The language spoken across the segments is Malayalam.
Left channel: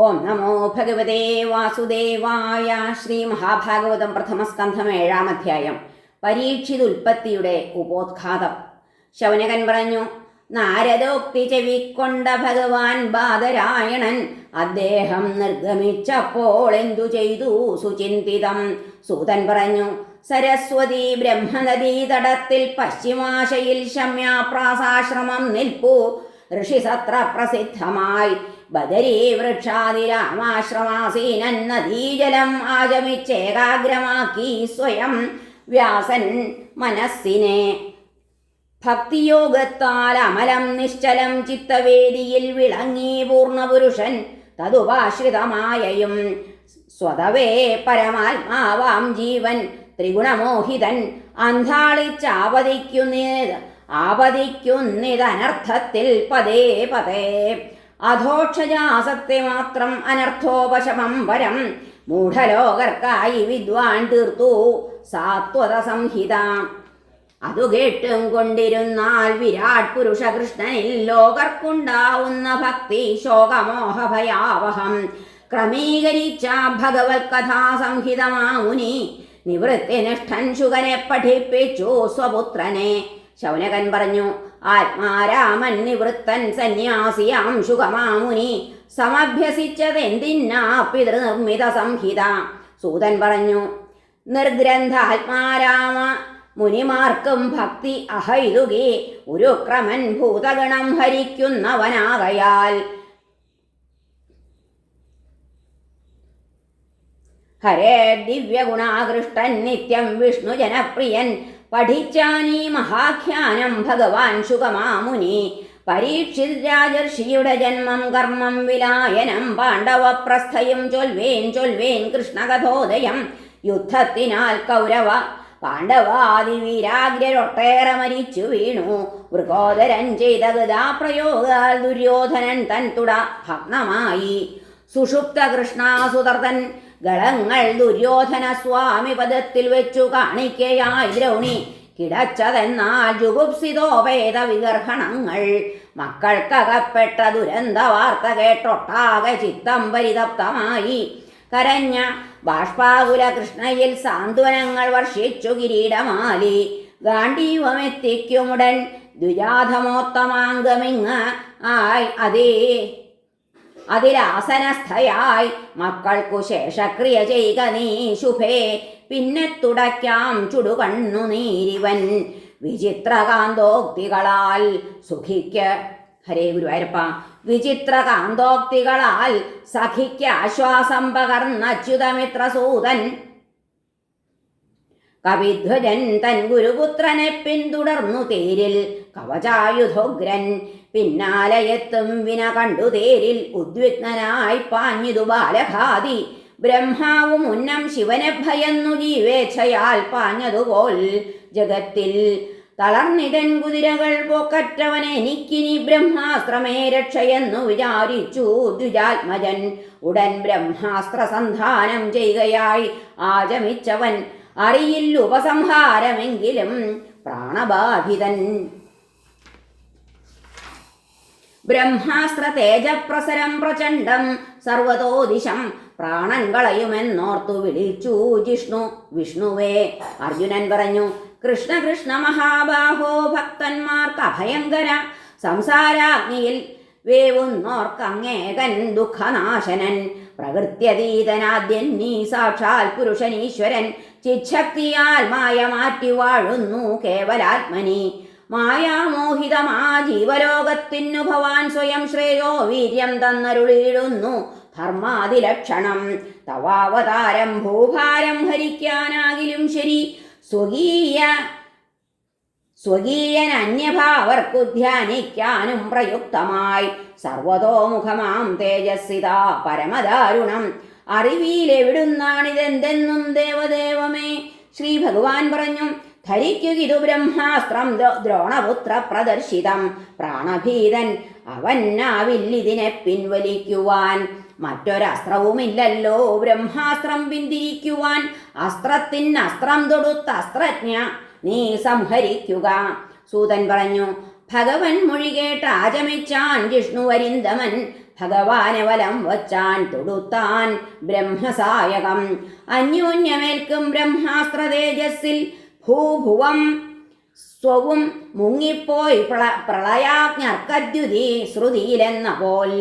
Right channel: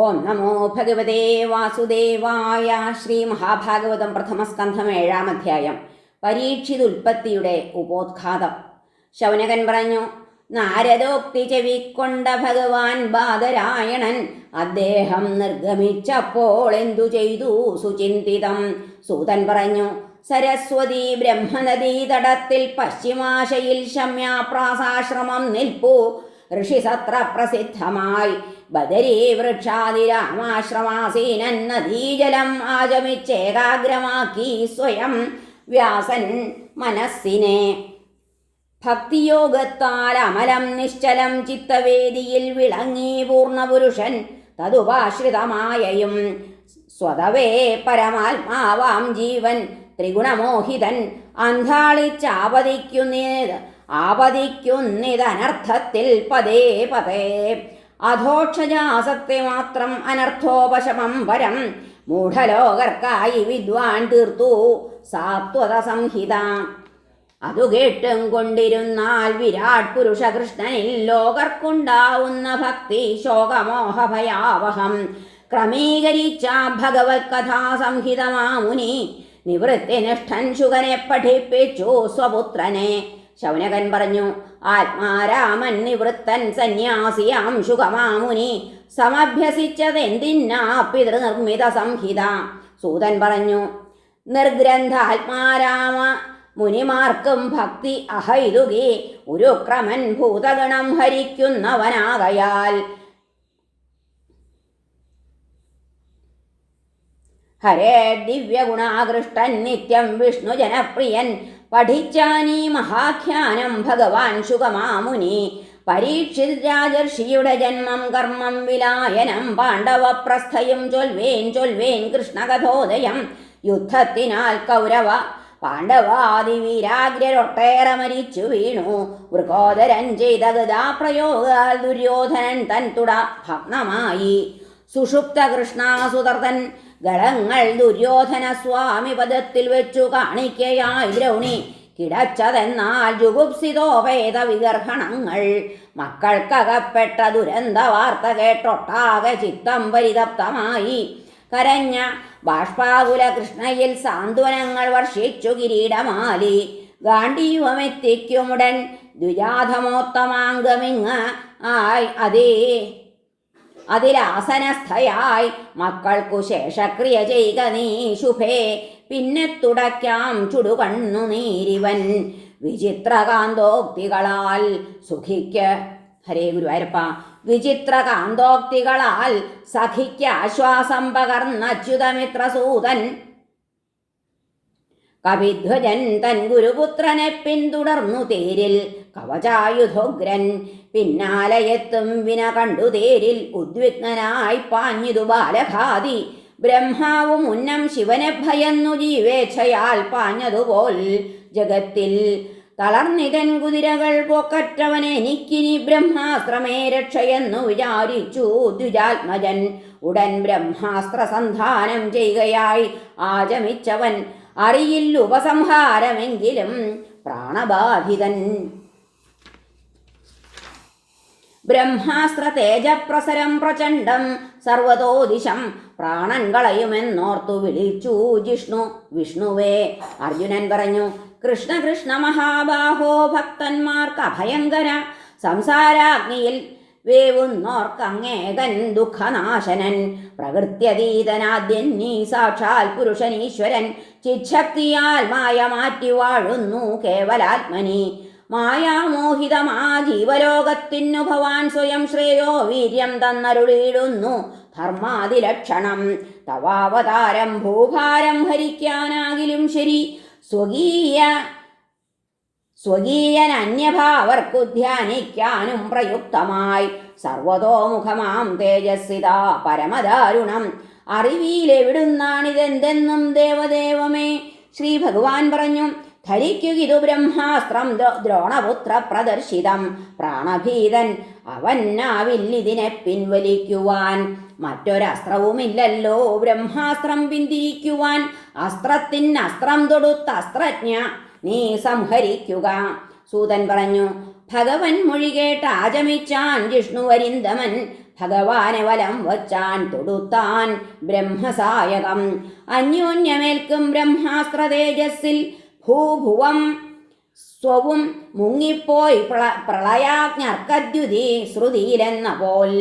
ഓം നമോ ഭഗവതേ വാസുദേവായ ശ്രീ മഹാഭാഗവതം പ്രഥമസ്കന്ധം ഏഴാം അധ്യായം. പരീക്ഷിതുൽപ്പത്തിയുടെ ഉപോദ്ഘാതം. ശൗനകൻ പറഞ്ഞു നാരദോക്തി ചെവിക്കൊണ്ട ഭഗവാൻ ബാദരായണൻ അദ്ദേഹം നിർഗമിച്ചപ്പോൾ എന്തു ചെയ്തു? സുചിന്തിതം. സൂതൻ പറഞ്ഞു സരസ്വതി ബ്രഹ്മനദീ തടത്തിൽ പശ്ചിമാശയിൽ ശമ്യാപ്രാസാശ്രമം നിൽപ്പു. ഋഷിസത്ര പ്രസിദ്ധമായി. ബദരീ വൃക്ഷാതി രാമാശ്രമാസീനൻ നദീജലം ആചമിച്ചേകാഗ്രമാക്കി സ്വയം വ്യാസൻ മനസ്സിനെ ഭക്തിയോഗത്താൽ അമലം നിശ്ചലം ചിത്തവേദിയിൽ വിളങ്ങി പൂർണപുരുഷൻ തതുപാശ്രിതമായയും സ്വതവേ പരമാത്മാവാം ജീവൻ ത്രിഗുണമോഹിതൻ അന്താളിച്ചാപതിക്കുന്നേത് ആപതിക്കുന്നിതനർത്ഥത്തിൽ പതേ പതേ അധോക്ഷജാസക്തി മാത്രം അനർത്ഥോപശമം വരം. മൂഢലോകർക്കായി വിദ്വാൻ തീർത്തു. സാത്വത സംഹിത. അതു കേട്ടും കൊണ്ടിരുന്നാൽ വിരാട് പുരുഷകൃഷ്ണനിൽ ലോകർക്കുണ്ടാവുന്ന ഭക്തി ശോകമോഹ ഭയാവഹം ക്രമീകരിച്ച ഭഗവത് കഥാസംഹിതമാമുനി നിവൃത്തിനിഷ്ഠൻ ശുകനെ പഠിപ്പിച്ചു സ്വപുത്രനെ. ശൗനകൻ പറഞ്ഞു ആത്മാരാമൻ നിവൃത്തൻ സന്യാസിയാം ശുഖമാമുനി. സമഭ്യസിച്ചതെന്തിന്നാ പിതൃനിർമ്മിത സംഹിത. സൂതൻ പറഞ്ഞു നിർഗ്രന്ഥ ആത്മാരാമ മുനിമാർക്കും ഭക്തി അഹൈതുകി. ഒരു ക്രമൻ ഭൂതഗണം ഹരിക്കുന്നവനാകയാൽ ഹരേ ദിവ്യഗുണാകൃഷ്ടൻ നിത്യം വിഷ്ണു ജനപ്രിയൻ. പഠിച്ചാനീ മഹാഖ്യാനം ഭഗവാൻ ശുഗമാമുനി പരീക്ഷിത് രാജർഷിയുടെ ജന്മം കർമ്മം വിലായനം. പാണ്ഡവപ്രസ്ഥയും ചൊൽവേൻ ചൊൽവേൻ കൃഷ്ണകഥോദയം. യുദ്ധത്തിനാൽ കൗരവ പാണ്ഡവാദിവീരാഗ്രൊട്ടേറെ മരിച്ചു വീണു. മൃഗോദരൻ ചെയ്ത ഗതാപ്രയോഗാൽ ദുര്യോധനൻ തൻ തുട ഭഗ്നമായി. സുഷുപ്ത കൃഷ്ണാസുതർത്തൻ ഗളങ്ങൾ ദുര്യോധന സ്വാമി പദത്തിൽ വെച്ചു കാണിക്കയായി ദ്രൗണി. കിടച്ചതെന്നാൽ ജുഗുപ്സിതോപേത വികർഹണങ്ങൾ മക്കൾക്കകപ്പെട്ട ദുരന്ത വാർത്ത കേട്ടൊട്ടാകെ ചിത്തം പരിതപ്തമായി. കരഞ്ഞ ബാഷ്പാകുല കൃഷ്ണയിൽ സാന്ത്വനങ്ങൾ വർഷിച്ചു കിരീടമാലി. ഗാന്ഡീവമെത്തിക്കുമുടൻ ദ്വിജാധമോത്തമാംഗമിങ് ആയ് അതേ. അതിലാസനസ്ഥയായി. മക്കൾക്കു ശേഷക്രിയ ചെയ്ത നീ ശുഭേ. പിന്നെ തുടയ്ക്കാം ചുടുകണ്ണു നീരിവൻ. വിചിത്രകാന്തോക്തികളാൽ സുഖിക്ക്. ഹരേ ഗുരുവായൂരപ്പ. വിചിത്രകാന്തോക്തികളാൽ സഖിക്ക് ആശ്വാസം പകർന്ന അച്യുതമിത്രസൂതൻ. കവിധ്വജൻ തൻ ഗുരുപുത്രനെ പിന്തുടർന്നു തേരിൽ കവചായുധോഗ്രൻ. പിന്നാലയെത്തും വിന കണ്ടു തേരിൽ ഉദ്വിഗ്നനായി പാഞ്ഞിതു ബാലഘാതി ബ്രഹ്മാവു മുന്നം ശിവനെ ഭയന്നു ജീവേച്ഛയാൽ പാഞ്ഞതുപോൽ ജഗത്തിൽ തളർന്നിതൻ കുതിരകൾ പോക്കറ്റവൻ എനിക്കിനി ബ്രഹ്മാസ്ത്രമേ രക്ഷയെന്നു വിചാരിച്ചു ദ്വിജാത്മജൻ. ഉടൻ ബ്രഹ്മാസ്ത്ര സന്ധാനം ചെയ്യുകയായി ആചമിച്ചവൻ അറിയില്ല ഉപസംഹാരമെങ്കിലും പ്രാണബാധിതൻ. ബ്രഹ്മാസ്ത്ര തേജപ്രസരം പ്രചണ്ഡം സർവതോദിശം പ്രാണൻ കളയുമെന്നോർത്തു വിളിച്ചു ജിഷ്ണു. വിഷ്ണുവേ അർജുനൻ പറഞ്ഞു കൃഷ്ണ കൃഷ്ണ മഹാബാഹോ ഭക്തന്മാർക്ക് അഭയങ്കര. സംസാരാഗ്നിയിൽ വേവുന്നോർക്കങ്ങേകൻ ദുഃഖനാശനൻ. പ്രകൃത്യതീതനാദ്യൻ നീ സാക്ഷാൽ പുരുഷനീശ്വരൻ. ചിച്ഛക്തിയാൽ മായ മാറ്റി വാഴുന്നു കേവലാത്മനി. മായാമോഹിതമാ ജീവലോകത്തിനു ഭവാൻ സ്വയം ശ്രേയോ വീര്യം തന്നരുളിയിടുന്നു ധർമാതിലക്ഷണം. തവാവതാരം ഭൂഭാരം ഹരിക്കാനാകിലും ശരി. സ്വകീയ സ്വകീയൻ അന്യഭാവർക്കു ധ്യാനിക്കാനും പ്രയുക്തമായി. സർവതോമുഖമാം തേജസ്സിതാ പരമദാരുണം. അറിവിയിലെവിടുന്നാണിതെന്തെന്നും ദേവദേവമേ. ശ്രീ ഭഗവാൻ പറഞ്ഞു ധരിക്കുകിതു ബ്രഹ്മാസ്ത്രം ദ്രോണപുത്ര പ്രദർശിതം. പ്രാണഭീതൻ അവനാവില്ലിതിനെ പിൻവലിക്കുവാൻ. മറ്റൊരസ്ത്രവുമില്ലല്ലോ ബ്രഹ്മാസ്ത്രം പിന്തിരിക്കുവാൻ. അസ്ത്രത്തിന് അസ്ത്രം തൊടുത്ത അസ്ത്രജ്ഞ നീ സംഹരിക്കുക. സൂതൻ പറഞ്ഞു ഭഗവൻ മൊഴി കേട്ട് ആചമിച്ചാൻ ജിഷ്ണുവരിന്ദമൻ ഭഗവാനെ വലം വച്ചാൻ തൊടുത്താൻ ബ്രഹ്മസായകം. അന്യോന്യമേൽക്കും ബ്രഹ്മാസ്ത്ര തേജസ്സിൽ ഭൂഭുവം സ്വവും മുങ്ങിപ്പോയി പ്രള പ്രളയാജ്ഞർക്കദ്യുതി ശ്രുതിയിലെന്ന പോൽ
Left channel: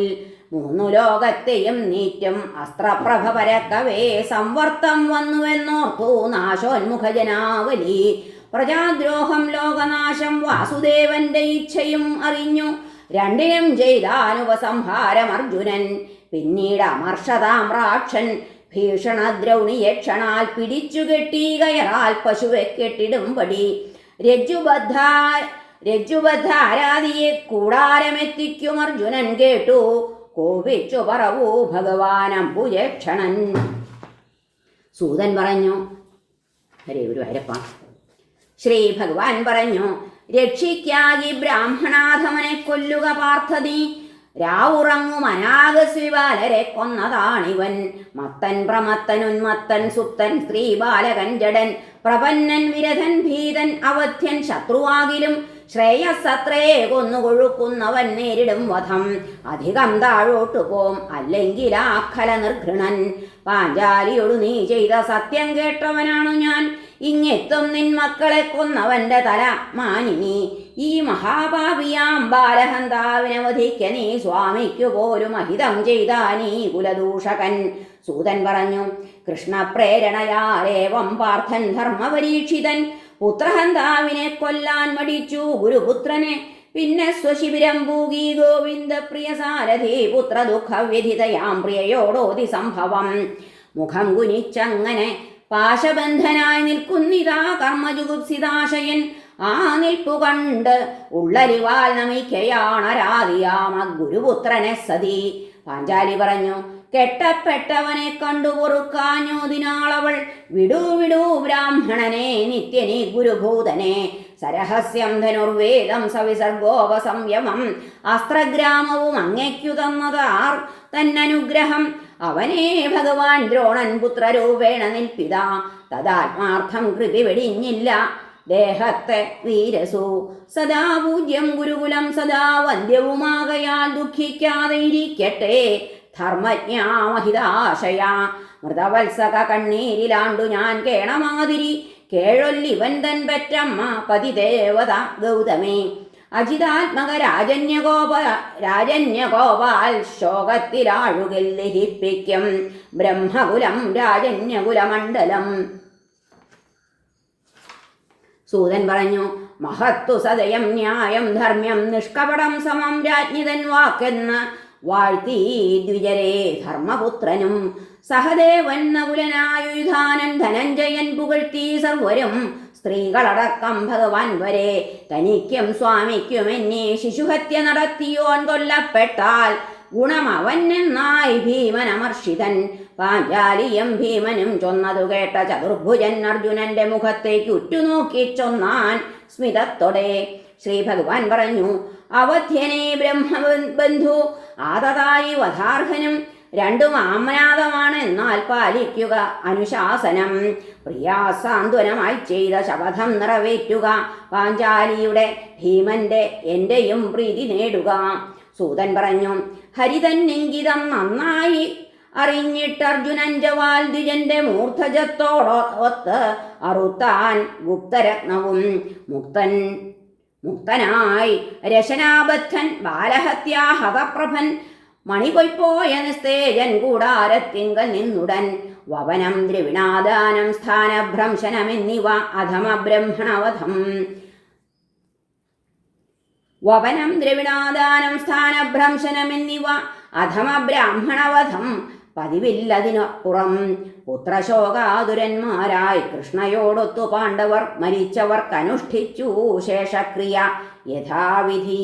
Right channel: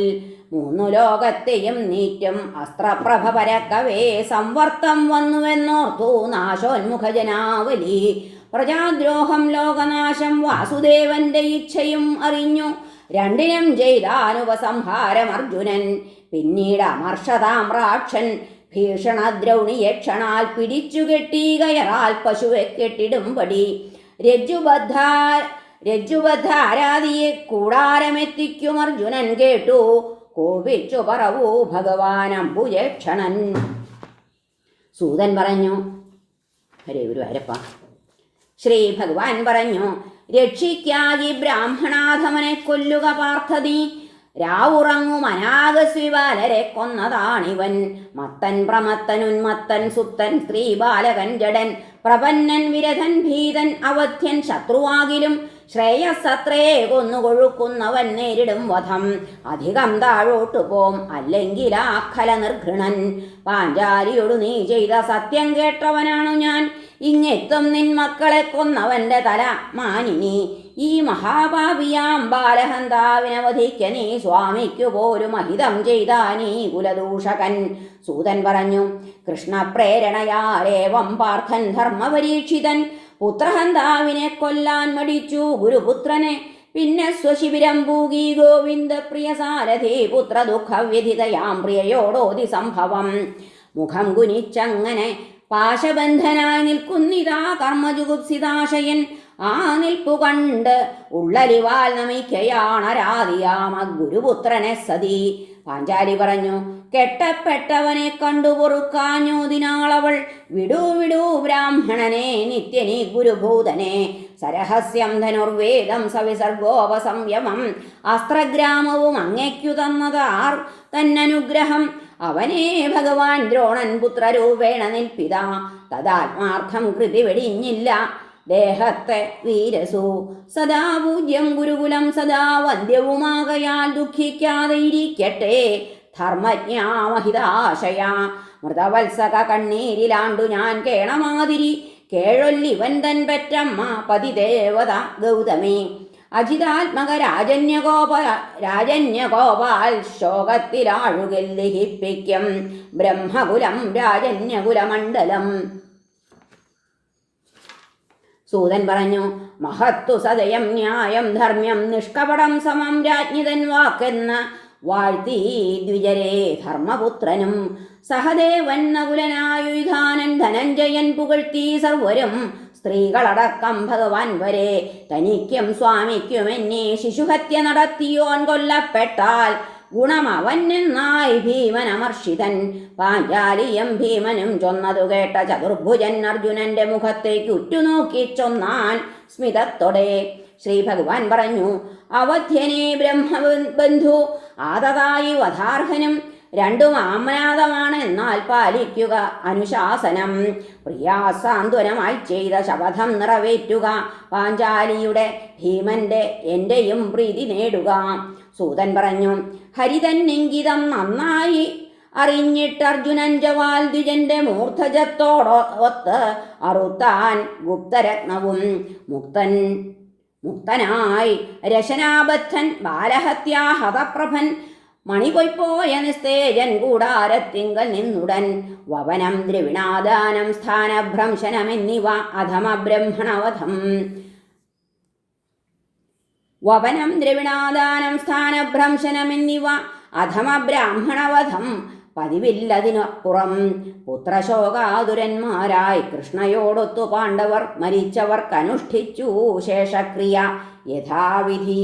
മൂന്നു ലോകത്തെയും നീറ്റും അസ്ത്രപ്രഭ പരക്കവേ സംവർത്തം വന്നുവെന്നോർത്തു നാശോന്മുഖജനാവലി. പ്രജാദ്രോഹം ലോകനാശം വാസുദേവന്റെ ഇച്ഛയും അറിഞ്ഞു രണ്ടിനും ചെയ്താനുപസംഹാരം അർജുനൻ പിന്നീട് അമർഷതാമ്രാക്ഷൻ ഭീഷണദ്രൗണിയക്ഷണാൽ പിടിച്ചു കെട്ടി കയറാൽ പശുവെ കെട്ടിടുംപടി. രജ്ജുബദ്ധ രജ്ജുബദ്ധാരാധിയെ കൂടാരമെത്തിക്കും അർജുനൻ കേട്ടു. കോപിച്ചു പറവൂ ഭഗവാൻ അമ്പുജക്ഷണൻ സൂതൻ പറഞ്ഞു ഹരേ അരപ്പ ശ്രീ ഭഗവാൻ പറഞ്ഞു രക്ഷിക്കാകി ബ്രാഹ്മണാധമനെ കൊല്ലുക പാർത്ഥതി രാവുറങ്ങും അനാഗസ്വിബാലരെ കൊന്നതാണിവൻ. മത്തൻ പ്രമത്തൻ ഉന്മത്തൻ സുപ്തൻ സ്ത്രീ ബാലകൻ ജഡൻ. പ്രപന്നൻ വിരഥൻ ഭീതൻ അവധ്യൻ ശത്രുവാകിലും ശ്രേയസത്രേ കൊന്നുകൊഴുക്കുന്നവൻ നേരിടും വധം. അധികം താഴോട്ടു പോം അല്ലെങ്കിൽ ആഖല നിർഘൃണൻ. പാഞ്ചാലിയോടു നീ ചെയ്ത സത്യം കേട്ടവനാണു ഞാൻ. ഇങ്ങെത്തും നിൻ മക്കളെ കൊന്നവന്റെ തല മാനിനി. ഈ മഹാഭാവിയാം ബാലഹന്താവിനെ വധിക്ക നീ സ്വാമിക്കു പോലും അഹിതം ചെയ്താനീ കുലദൂഷകൻ. സൂതൻ പറഞ്ഞു കൃഷ്ണപ്രേരണയാലേവം പാർത്ഥൻ ധർമ്മപരീക്ഷിതൻ. പുത്രഹന്താവിനെ കൊല്ലാൻ മടിച്ചു ഗുരുപുത്രനെ. പിന്നെ സ്വശിബിരം പൂകി ഗോവിന്ദ പ്രിയ സാരഥി പുത്ര ദുഃഖവ്യഥിതയാം പ്രിയയോടോതി സംഭവം. മുഖം കുനിച്ചങ്ങനെ പാശബന്ധനായി നിൽക്കുന്നിതാ കർമ്മജുഗുപ്സിതാശയൻ ആ നിൽപ്പു കണ്ട് ഉള്ളരിവാൽ നമിക്കയാണരാധിയാമ ഗുരുപുത്രനെ സതി. പാഞ്ചാലി പറഞ്ഞു കെട്ടപ്പെട്ടവനെ കണ്ടു പൊറുക്കാഞ്ഞോതിനാളവൾ വിടൂ വിടൂ ബ്രാഹ്മണനെ നിത്യനി ഗുരുഭൂതനെ. സരഹസ്യം ധനുർവേദം സവിസർഗോപസംയമം. അസ്ത്രഗ്രാമവും അങ്ങയ്ക്കു തന്നതാർ. തന്നനുഗ്രഹം. അവനെ ഭഗവാൻ ദ്രോണൻ പുത്രരൂപേണ നിൽപ്പിത തദാത്മാർത്ഥം കൃതി വെടിഞ്ഞില്ല. ദേഹത്തെ വീരസു. സദാ പൂജ്യം ഗുരുകുലം സദാ വന്ധ്യവുമാകയാൽ ദുഃഖിക്കാതെ ഇരിക്കട്ടെ. ധർമ്മജ്ഞാമഹിതാശയ. മൃതവത്സക കണ്ണീരിലാണ്ടു ഞാൻ കേണമാതിരി. കേഴൊല്ലിവൻ തൻ പറ്റമ്മ പതിദേവത ഗൗതമേ. അജിതാത്മക രാജന്യകോപ രാജന്യകോപാൽ ശോകത്തിലാഴുകിൽ ദഹിപ്പിക്കും ബ്രഹ്മകുലം രാജന്യകുലമണ്ഡലം. സൂതൻ പറഞ്ഞു മഹത്തു സദയം ന്യായം ധർമ്മ്യം നിഷ്കപടം സമം രാജ്ഞിതൻ വാക്കെന്ന് വാഴ്ത്തി ദ്വിജരേ ധർമ്മപുത്രനും സഹദേവൻ നകുലനായുധാനൻ ധനഞ്ജയൻ പുകഴ്ത്തി സർവരും സ്ത്രീകളടക്കം ഭഗവാൻ വരെ. തനിക്കും സ്വാമിക്കും എന്നെ ശിശുഹത്യ നടത്തിയോൻ കൊല്ലപ്പെട്ടാൽ ഗുണമവനെന്നായി ഭീമനമർഷിതൻ. പാഞ്ചാലിയും ഭീമനും ചൊന്നതു കേട്ട ചതുർഭുജൻ അർജുനന്റെ മുഖത്തേക്ക് ഉറ്റുനോക്കി ചൊന്നാൻ സ്മിതത്തോടെ. ശ്രീ ഭഗവാൻ പറഞ്ഞു അവധ്യനെ ബ്രഹ്മബന്ധു ആതതായി വധാർഹനും രണ്ടും ആമ്നാദമാണ് എന്നാൽ പാലിക്കുക അനുശാസനം. പ്രിയാസാന്ത്വനമായി ചെയ്ത ശപഥം നിറവേറ്റുക. പാഞ്ചാലിയുടെ ഭീമന്റെ എന്റെയും പ്രീതി നേടുക. സൂതൻ പറഞ്ഞു ഹരിതൻ ഇംഗിതം നന്നായി അറിഞ്ഞിട്ട് അർജുനൻ ജവാൽ ദ്വിജന്റെ മൂർധജത്തോടൊത്ത് അറുത്താൻ ഗുപ്തരത്നവും. മുക്തൻ മുക്തനായി രശനാബദ്ധൻ ബാലഹത്യാഹതപ്രഭൻ മണിപൊയ്പോയ നിസ്തേജൻ കൂടാരത്തിങ്കൽ നിന്നുടൻ. വവനം ദ്രവിണാദാനം സ്ഥാനഭ്രംശനമെന്നിവ അധമ ബ്രഹ്മണവധം വവനം ദ്രവിണാദാനം സ്ഥാനഭ്രംശനമെന്നിവ അധമ ബ്രാഹ്മണവധം പതിവില്ലതിനപ്പുറം പുത്രശോകാതുരന്മാരായി കൃഷ്ണയോടൊത്തു പാണ്ഡവർ മരിച്ചവർക്കനുഷ്ഠിച്ചു ശേഷക്രിയ യഥാവിധി.